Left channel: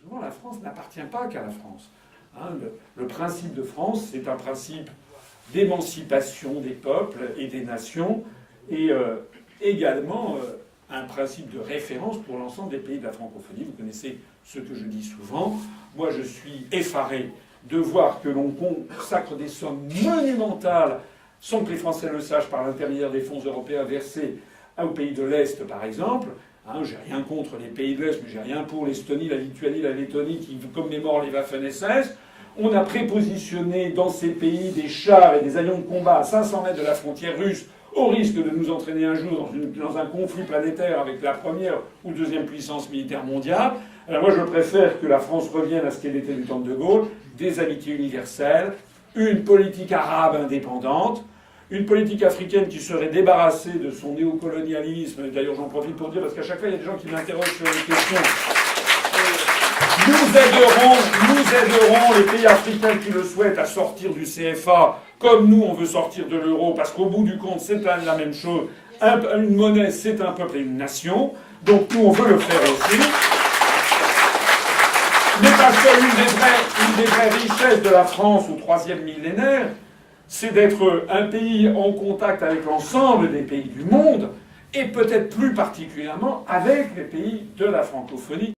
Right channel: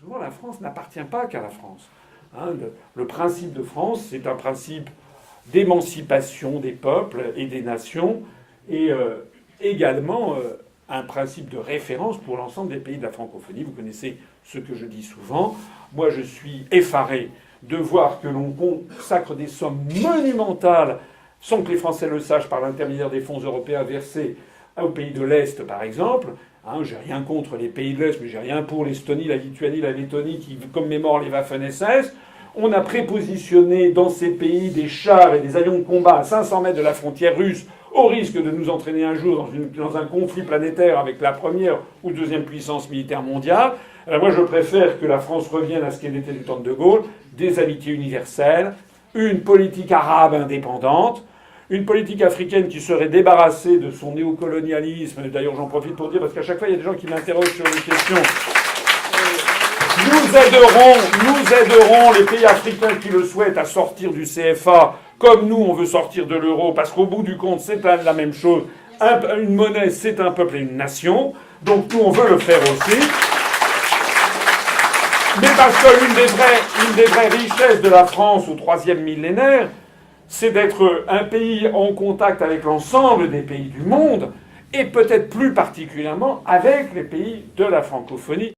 souvent, la France n'appartient pas qu'à la France. Hein, le principe de France, c'est un principe d'émancipation des peuples et des nations, et également un principe de référence pour l'ensemble des pays de la francophonie. Vous connaissez ce que je dis souvent. Moi, je suis effaré de voir que l'on consacre des sommes monumentales, sans que les Français le sachent, par l'intermédiaire des fonds européens versés aux pays de l'Est, par exemple. Hein, j'ai rien contre les pays de l'Est, mais j'ai rien pour l'Estonie, la Lituanie, la Lettonie qui commémorent les Waffen-SS. On a prépositionné dans ces pays des chars et des avions de combat à 500 mètres de la frontière russe, au risque de nous entraîner un jour dans un conflit planétaire avec la première ou deuxième puissance militaire mondiale. Alors moi, je préfère que la France revienne à ce qu'elle était du temps de Gaulle, des amitiés universelles, une politique arabe indépendante, une politique africaine qui serait débarrassée de son néocolonialisme. D'ailleurs, j'en profite pour dire, parce qu'à chaque fois, il y a des gens qui m'interrogent sur les questions. Nous aiderons les pays africains qui le souhaitent à sortir du CFA, comme nous, on veut sortir de l'euro, parce qu'au bout du compte, c'est la même chose. Une monnaie, c'est un peuple et une nation. Donc nous, on veut le faire aussi. Mais parce qu'une des vraies richesses de la France au troisième millénaire, c'est d'être un pays en contact avec l'ensemble des pays du monde, et peut-être plus particulièrement avec les pays de la francophonie.